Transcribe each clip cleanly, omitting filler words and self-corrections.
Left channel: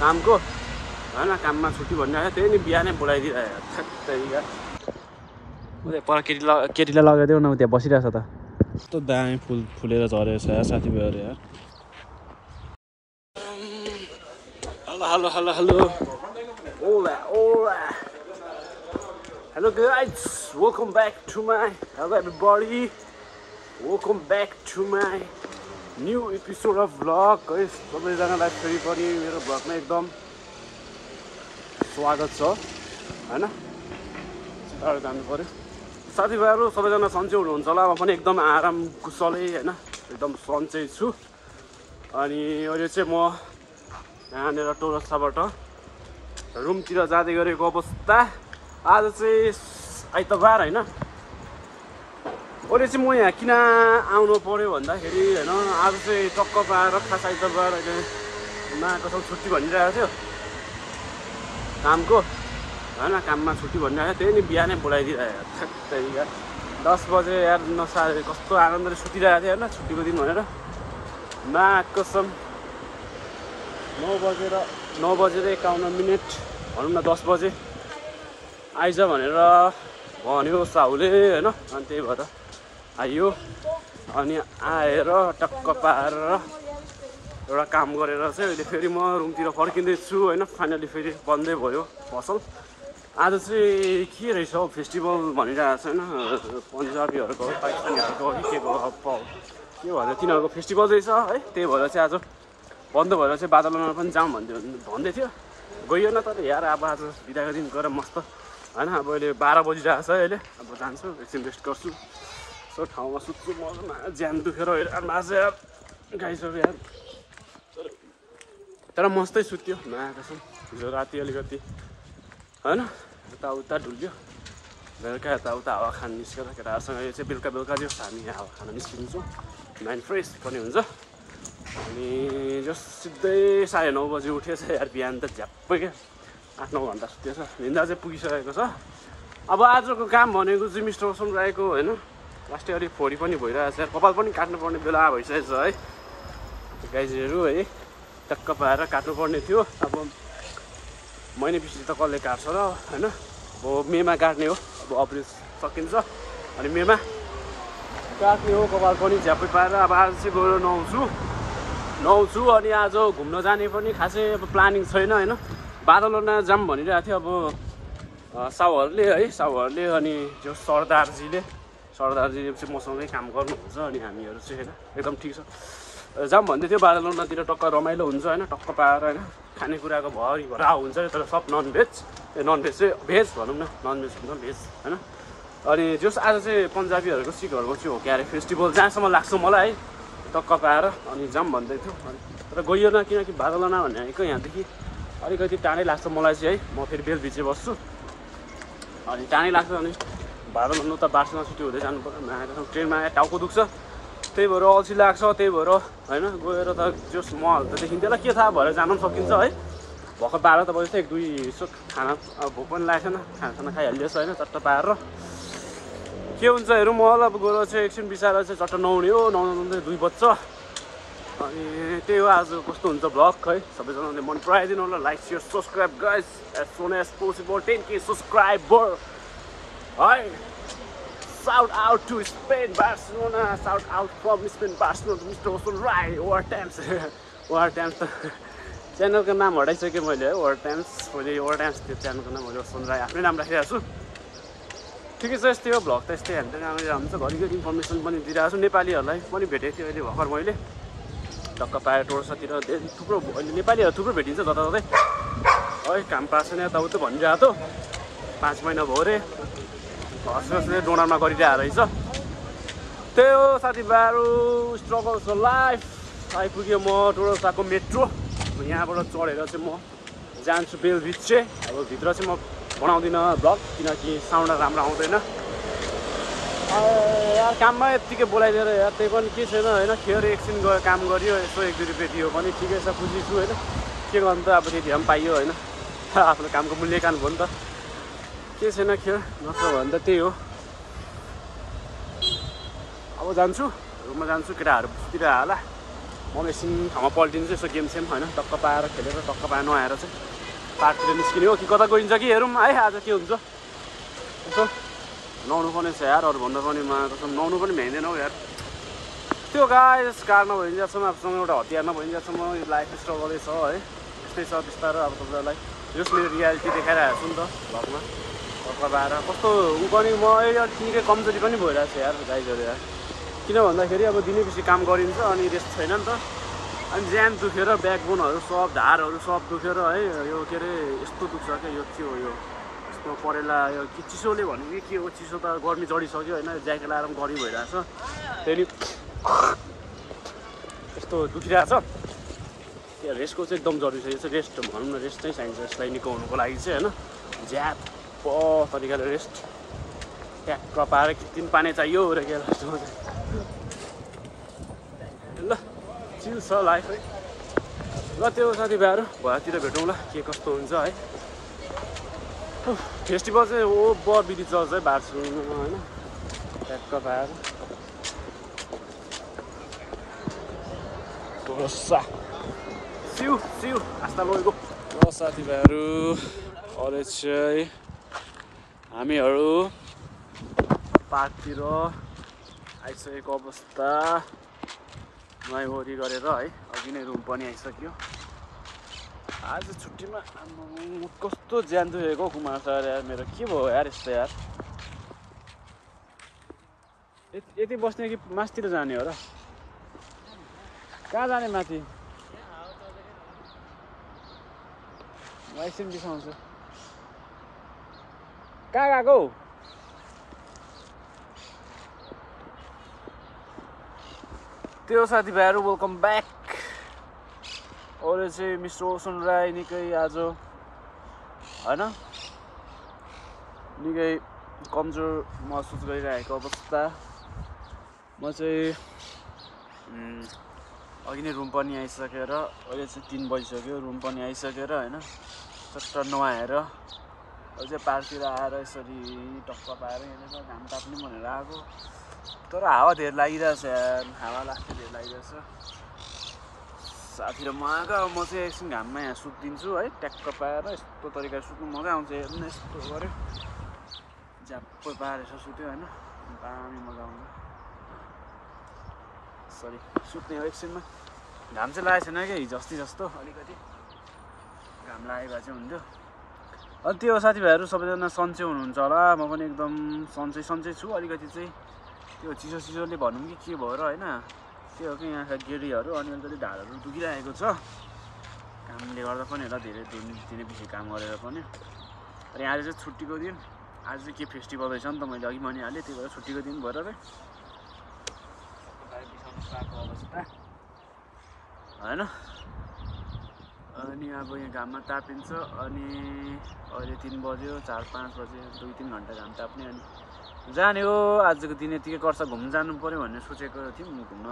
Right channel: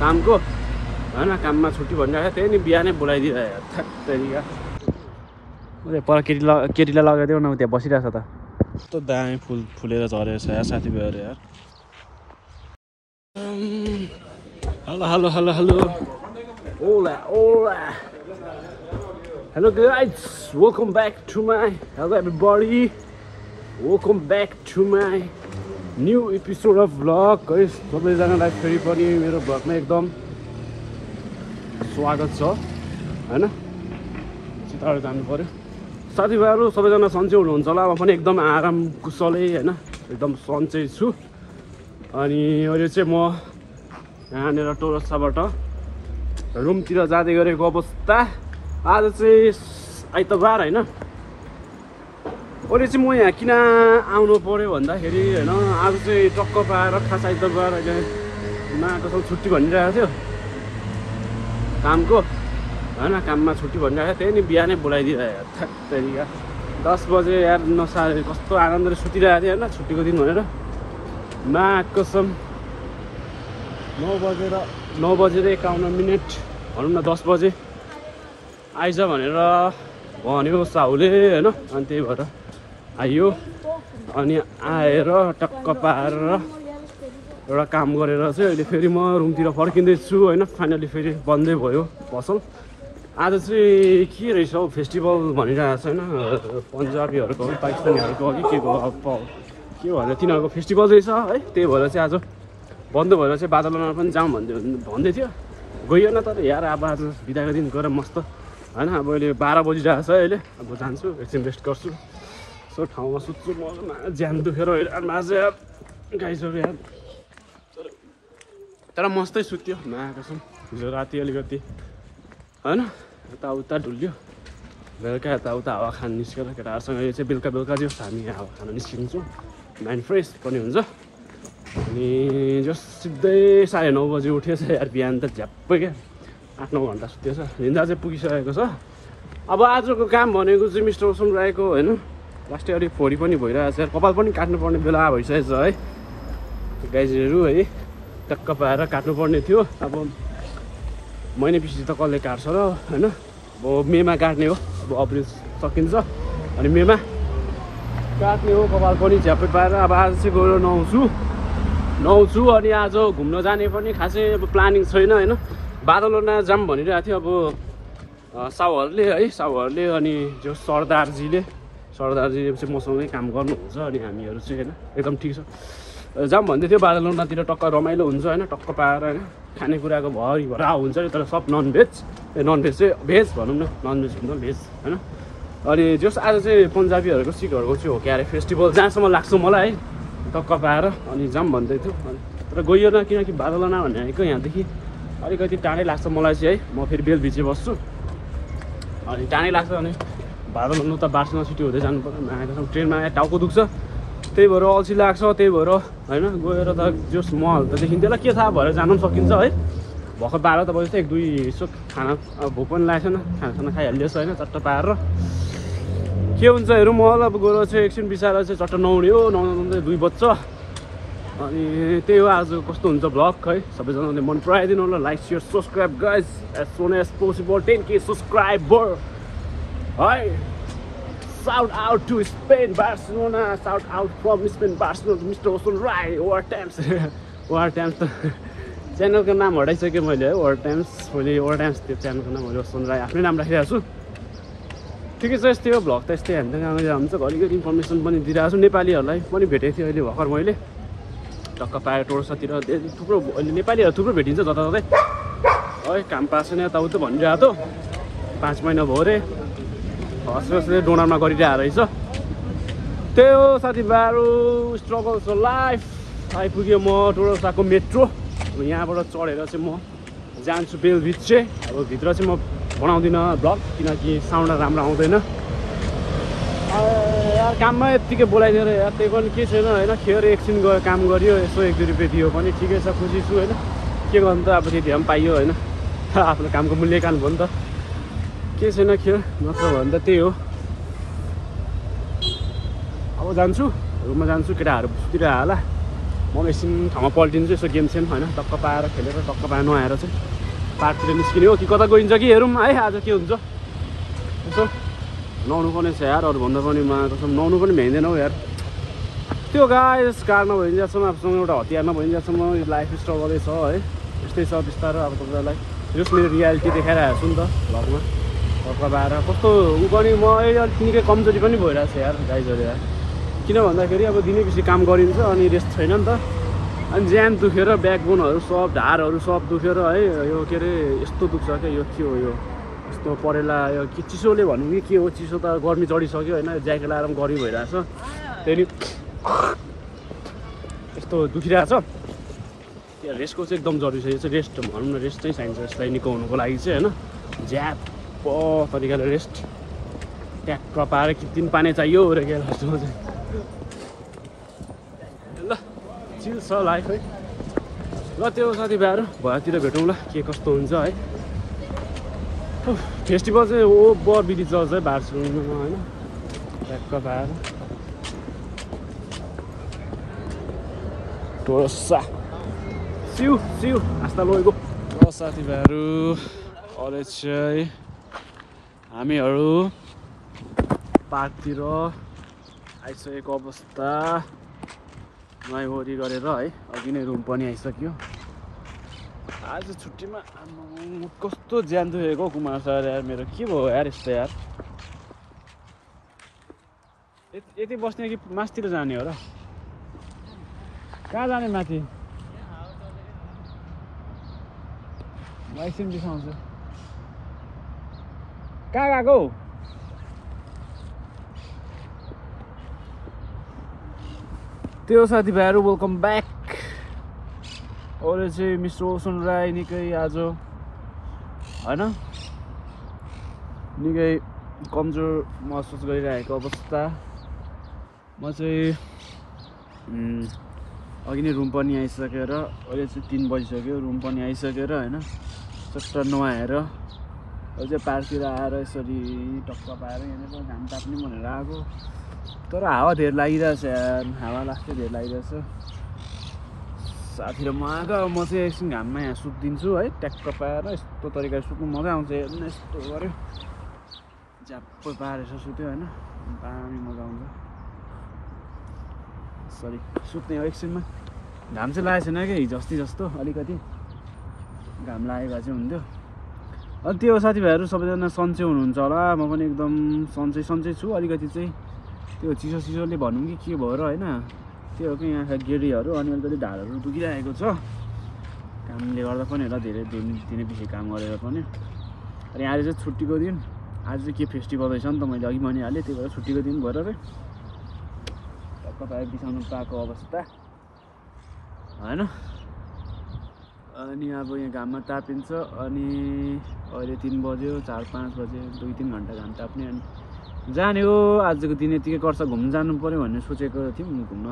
कामको हैन काममा छुट्टी भनिरहेको त्यही नि बिहानै बोलाइदिरहेको ठ्याक्कै पर केटीलाई लगाइदेऊ न त्यहाँ बसिरहेछ त कस्तो दामी फुल फुलेर झरेको छ यार साथीभाइहरू यार हेलो हेलो हेलो हेलो ओला ओला hello guys welcome back to my hello everybody welcome back to my new episode of vlog है सबैजनालाई फेरि पनि मेरो भ्लगमा एकदम स्वागत छ हैन छिटो जानु पर्यो साथीभाइहरू सबैजना सन्चै हुनुहुन्छ होला म पनि एकदम आराम कुशलै हैन एकदम सन्चै छु अनि अहिले चाहिँ म यहाँनिर टोरसाबाट रुमतिर जाँदै गरेको अवस्था आज चाहिँ आइतबार हैन अहिले चाहिँ म यहाँ किन आउनु पर्यो भन्दाखेरि हैन आज चाहिँ टक्क पाएर खास आइतबार अहिले कसम छुट्टी भनिरहेको थियो कामको हैन काममा छुट्टी भनिरहेको त्यही नि बिहानै बोलाइदिरहेको ठ्याक्कै 10 बजे यार नसा कस्तो आनन्दले सुतिरहेको थियो हैन छुट्टीको दिन भनेर मा कसम 9 बजेर 51 भनौँ न 10 बजे आइज भनेर भन्यो साहुले हैन अनि त्यही भएर आइयो अनि आएर टक्क पाएर एउटा काम गरेर चाहिँ अहिले फेरि म रुमतिर फर्किँदैछु हैन फाइनली फेरि बन्दै भयो पसल आज चाहिँ के रहेछ हौ फेस्टिभल भनिरहेको छ हैन पन्जाबीहरूको पाकिस्तानीहरूको के भन्छ तिनीहरूको फेस्टिभल रहेछ है त्यही भएर चाहिँ आज बन्द भएर चाहिँ बादलमा पनि जाउँ भन्दै थियो गइएन तर यार अब आज बिदाको दिन गएर मस्त हैन अब अहिले 12 बजिरहेको छ अहिले अब जान्छु एकछिन रेस्ट गर्छु सो ठाउँमा सुत्छु म ज्यान दुखेर माझ गाइसक्यो यार तर मस्तै सुत्यो नआएको हिजो राति अलिकति हैन यताउता डुल्यो बेलुका यताउता हावा खान निस्केर केटाहरूसँग यो चाहिँ बेलुका जस हामी हावा खान निस्किन्छौँ माइन्ड फ्रेस पनि हुन्छ अनि जस सिधै 9:30 बजी उठेछ यार बिहान त झ्याप्पै क्या 8-9 घन्टा सुतेछ निन्दा चाहिँ पुगिसकेको छ अब आजको काम भनेको चाहिँ मिस्टर ओसन राईको हैन लास्टै अलिक फोडी पनि भइरहेको छ कपाल पनि काट्नुपर्ने बेला भइसकेको छ है गाइजहरू है टक्क पाएर काट्नुपर्ने थियो अब महिना पछि त कसले काट्छ र हैन अब मेमा काट्ने हो अब अप्रिल सकिन्छ अनि मेमा काट्ने हो कपाल पनि झ्याप्पै पाएर अब आज चाहिँ गएर नुहाउँछु अनि आज घुम्न जाने पनि खासै अब प्लानिङ छैन हैन बादलमा जाम भनिरहेको थियो अब साउहरूले अनि जो सरदारजीले चाहिँ मसँगै काम गर्नुहुन्छ अनि हामीहरू चाहिँ हैन एकदम ठिक छ जाम भन्दै थियो बादलमातिर टक्क रमाइलो हुन्छ हैन टक्क पाएर हैन खानेकुराको भरा हुन्छ तर सब ननभेज चाहिँ भेज भनौँ न ननभेज भन्दा भेज हैन अनि जस आज चाहिँ पन्जाबीहरूको सिखहरूको चाहिँ हो क्या अरे फेस्टिभल जहाँसम्म लाग्छ मलाई है टक्क पाएर अनि जाम भन्दै थियो अनि तर गइएन किनकि बादलमा भनेको यहाँदेखि अलिकति टाढै लाग्छ मलाई चाहिँ है म फेरि बेलभिचे बस्छु अनि टाढै लाग्छ अनि बादलमा त बार्समा सिटी हुँदै जानु पर्यो ट्रेनमा टाउको दुख्छ त्यही भएर अल्छी लाग्छ त्यही भएर हैन गएर त जस महल त देखिन्थ्यो होला के थाहा भएर जानु पनि सकिन्छ है भर्खर 12 त बजी 1-2 यसो खाना भोक पनि लागेको छैन खाना खाइहालिएछ होइन चट्ट पाएर के हुन्छ हेरौँ महल अब गएर चाहिँ एकछिन बिचार चाहिँ चट्ट नुहाउने हो नुहाउनु 2 बज्छ अनि त्यही हो आज कस्तो हुन्छ भ्लग है सबैजनाले मन पराइदिनु होला like share subscribe guys as soon as possible 10K subscriber है shout out to Spain Barcelona shout out from Spain Barcelona Mr. Osun Rai War Times त च्यानलको नाम हटाइसकेँ मैले है War Times त्यो च्यानलको नाम मैले ओसन राई आफ्नै नाम राखिरहेको छु ठिकै छ यस्तै हो भ्लग त यस्तै हामी हुन्छ घरिघरि इन्फर्मेसन पनि दिइरहेको छु नेपालीहरूलाई पनि भेटेको थिएँ अहिले भर्खर मैले टक्क पाएर टोर्सातिर थुप्रो अहिले नेपालीहरू थुप्रो भेटिन्छ जताततै है काम पाएको छैन यताउता भनिरहेको त 5 महिना भयो अरे हस्पिटलले डोनरमा गरिरहेको रहेछ त्यही हो साथीभाइहरू स्ट्रगल्स अफ लाइफ आइपुग्यो म टोरसाको मेट्रो यहाँबाट चढेर चाहिँ म जान्छु बेलभिचे अब भित्र चाहिँ म बनाउँदिनँ भ्लग किनकि साउन्ड राम्रो आउँदैन काममा यत्तिकै बोलाइदिएर यार त्यही पनि के छैन होइन खेर एकछिन गएर काम गरियो यसो 1-2 रुपियाँ दियो भने ठिकै छ खुसी छु होइन के गर्नु त अब त्यति पनि पाइयो होइन आफ्नो कामको मूल्यकान भयो नि त के छैन खेर नत्र भने त त्यही हो अब जान्छु रुममा जान्छु केटाहरू सुतिरहेको होला म एकछिन ठाउँमा पल्टिनु चाहिँ यसो गेम सेम होइन टक्क पाएर खेलेर टक्क पाएर नुहाएर चाहिँ पार्कतिर निस्किने हो कि कता गइन्छ कि हेरौँ है आज के हुन्छ यसो नुहाउनु पर्ने छ यार अरूभन्दा पनि कसम नुहाउनु पनि भ्याइँदैन हौ यार त्यो गाइस कार नभइन्जेलसम्म आफूसँग एउटा हतियार नभइन्जेलसम्म लाइफ स्ट्रगलै छ है यस्तै छ बिस्तारो अब तपाईँलाई जस मेरो रियालिटी देखाइरहेको छु नि त भ्लगमा टक्क पाएर कस्तो ऊ पनि म अहिले अलिक निकै कमजोरी पनि भइरहेको छ यार गाइजहरू यार किन भन्दाखेरि अब दिनैपछि काम गरिन्छ अनि रेस्ट छैन नि त अनि ज्यान दुखेर ब्याकबोनहरू सब ढाडहरू सब दुखेर है यो के अरे यस्तो दुख्छ क्या यो के हो यो यस्तो परेला यो के चिसोले भनौँ कि के हो चिसो त गर्मी चढिसक्यो होइन ज्याकेट लगाएर पनि गर्मी भइरहेछ त्यहाँदेखि यस्तो दुखिरहेछ त्यो रेस्टको चाहिँ एकदम जरुरी छ यो चाहिँ रेस्ट भनौँ न रेस्ट चाहिँ चाहिन्छ यसलाई निको हुनुको लागि चाहिँ होइन ज्याप तरिकाले रेस्ट ट्याक्क पाएर किन पानी चाहियो र के लास्टमा चाहिँ ल चिल छ लाइफ है ल त्यो साथीभाइहरू भएतिर भेटौँला के कस्तो हुन्छ है फेस्टिभल चाहिँ बिदी चल्छ है बार्सुलमा होइन ट्याक्क पाएर सिउ सिउ हाँस्दा लगेको ल साथीभाइहरू अहिले चाहिँ हामीहरू पार्कतिर आइसकेको अवस्था नुहाइवरी गरेर है अघि नै रुम पनि आइसक्यो आज छुट्टीमा कस्तो ज्यान दुखेको कुमार सर यार मेरो के भयो यार यस्तो यार यति बस्ने कि मासतिर जाने हो र कहाँ जाने माथि लाइसेन्स बिसाउँछु कहाँ गएको त्यो साथीभाइहरू वेलकम ब्याक अरू चाहिँ मिस्टर ओसन राई निकै आज होइन निकै कमजोर महसुस गरिरहेको अवस्था म चाहिँ अघि नै रुम पनि आइसकेर अहिले चाहिँ 3 बजिसक्यो रुम पनि आइसकेर होइन चट्ट नुहाएर अहिले चाहिँ पार्कतिर आएर यसरी टक्क पाएर यहाँनिर घाम ताप्ने भनेर आएको तर हावा धेर लागिरहेछ यार हावा लाग्दै धेर लागिरहेछ साथी र म आएको अब म चाहिँ एकछिन घाममा यहाँ सुत्दिन्छु है ट्याक्क पाएर यस्तो तरिकाले सुत्नु मजा आउँछ हेर्नु यस्तो गऱ्यो झ्याप्पै पाएर यसो सुत्यो होइन दामी मजा आउँछ सरी सुत्ने हो एकछिनमा घाम चाहिँ लागेको छैन क्या हिजो अस्ति जस्तो अलिकति घाम लागेको चाहिँ हुन्थ्यो अनि त्यो साथीभाइहरू सबैजना सन्चै हुनुहुन्छ होला म पनि एकदम सन्चै छु अलिकति चाहिँ त्यो चिसोले भनौँ कि के भएर होइन त्यो हो कि यहाँ गेडीहरू अनि अलिकति ढाडहरू दुखिरहेको छ कामले गर्दा पनि होला धेरै दिनपछि काम गरेर पनि अनि आज चाहिँ छुट्टीको दिन आज चाहिँ के फेस्टिभल रहेछ नि त मैले अघि भनिहालेँ त्यही भएर छुट्टीको दिन भएर तपाईँ बिसाउनु पाएको अवस्था होइन अनि अब यहाँ घाममा तापिन्छ अनि अहिले 3 बज्यो 4-5 बज्यो 2-3 घन्टा घाम ताप्ने अनि जाने हो आजको दिन यतिकै गर्छ घुम्न जानु पऱ्यो भन्ने सोचेको थियौँ घुम्न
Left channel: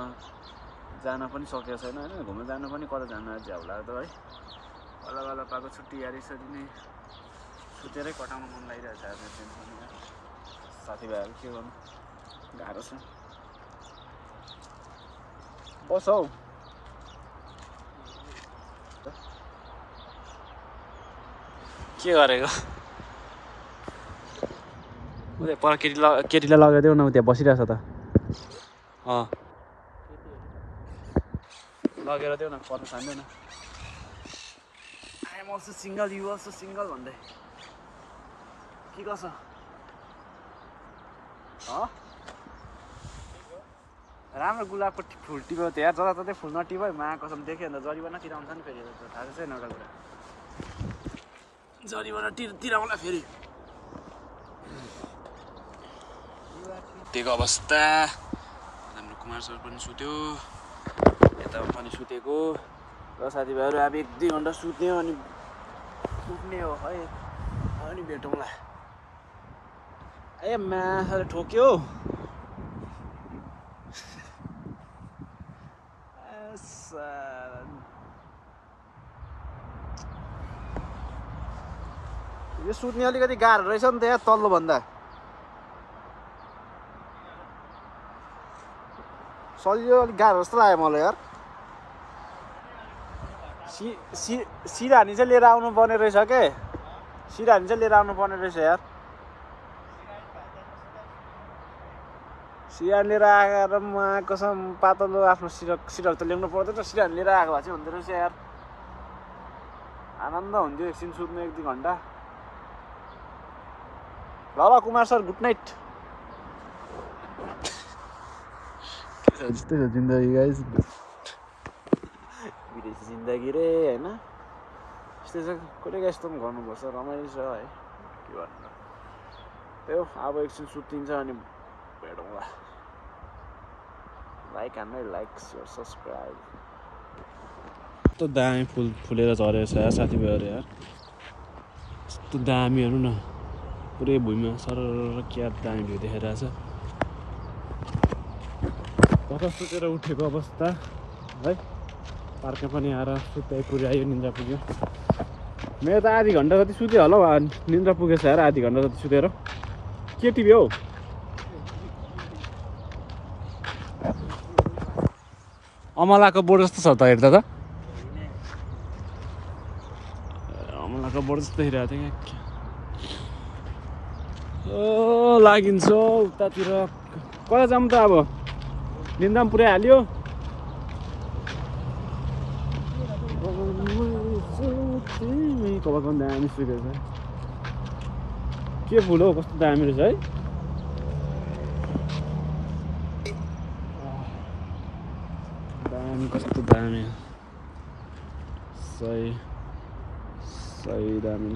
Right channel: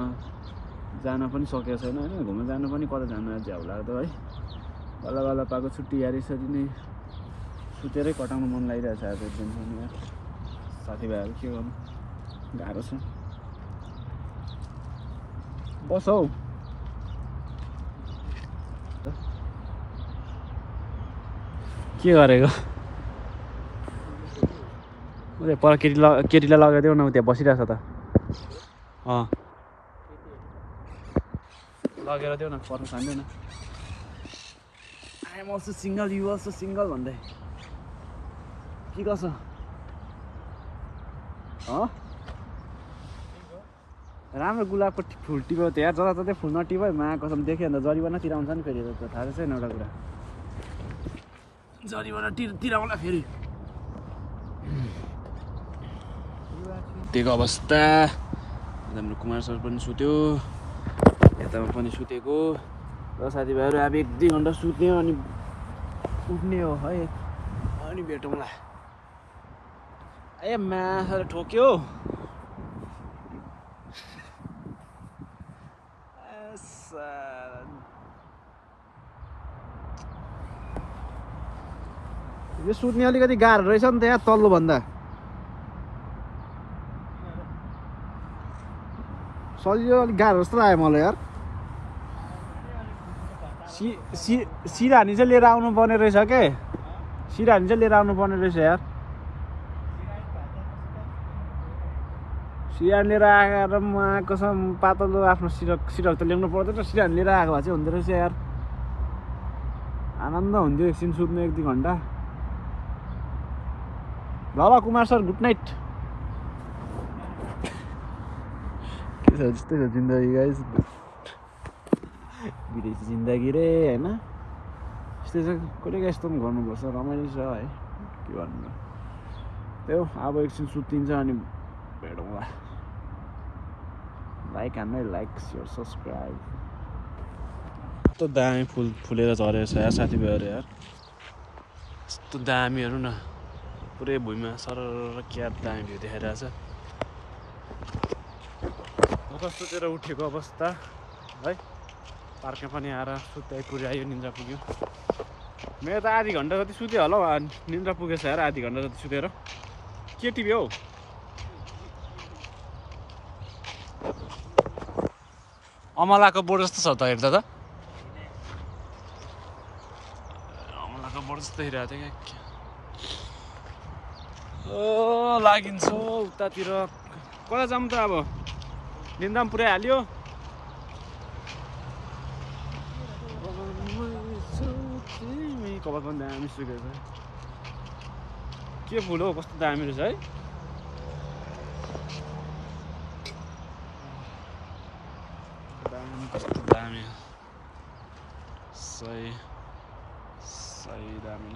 जान पनि सकेको छैन होइन घुम्न जानु पनि कता जानु आज झ्याउ लाग्दो है बल्ल बल्ल पाएको छुट्टी यार यसरी नै सुतेरै कटाउनु मन लागिरहेछ आज दिन पनि यार साथीभाइहरू के गर्नु गाह्रो छ बस हौ के गरेको उता पर केटीलाई लगाइदेऊ न त्यहाँ बसिरहेछ त लगेर देऊ न पर्न खाँदैन I am also single you also single भन्दै के कसो राम्रो गुलाबको फुल टिप्यो त्यहाँ जताततै फुल नटिप्यो मा कसम देख्यो अन्त जरिवाना तिराउँछ नि फेरि थाहा छैन एउटा कुरा जरिवाना तिराउला फेरि त्यहीको अवस्था हाम्रो कुमार सर पनि सुत्यो यतामा पनि सुतेको र साथीभाइहरू अब 1-2 घन्टा सुत्ने अनि उठ्ने हो है अनि भेटौँला ए मासले ठोक्यो यो सुत्ने अलिकति गाह्रो रहेछ नि त यहाँ तल्लो भन्दा सजिलो अलिक गाह्रो जस्तो लाग्यो मलाई यार सिरानी चाहिँ लिएर आउनु पर्ने रहेछ के सिरानी चाहिँ लिएर आउनु पर्ने रहेछ यार सिरानी लिएर आएर म कसम पातलो आफ्नो सिरक त ल्याउनु पर्दैन सिरानी लिएर आएको भए चाहिँ हुँदो रहेछ यार आनन्द हुन्थ्यो एकछिन सुत्नु 1-2 घन्टा ल ल कुमार सर गुड नाइट के छ जस्तै छ जिन्दगी गाइस विदेशी जिन्दगी रे हैन यस्तै छ कहिले यस्तो पनि गर्नुपर्छ रमाइलो छ है के भन्नु त्यही हो अब एकछिन सुतिन्छ अनि भेटौँला लाइक हान्नु लाइक सेयर सब्सक्राइब यस्तो दामी फुलेर झरेको छ यार साथीभाइहरू यार यस्तो दामीहरू न पुरै भुइँमा सरर क्या दामी भ्यू देखाइरहेछ भर्खर सुतेर उठेको अवस्था है पार्कमा पनि आएर सुत्दै पुऱ्यायो निन्द्रा पुग्यो मेरो त आधी घन्टा जति सुत्यो होला हौ निन्द्रा पुगेछ यार आधी घन्टा जति सुतेर के टिभी हौ अमलाको बोर्ड जस्तो छ त हेर्दा त अमलाको बोर्ड जस्तो हेरिरहेको थियो यहाँ ओ लागिन्छ उतातिर कता जाऊँ त अब निन्द्रा पनि पुऱ्याइहाल्यो कपाल पनि दामी सुकेको छ के फुल हौ कस्तो दामी रहेछ है दामी कस्तो दामी सही दामी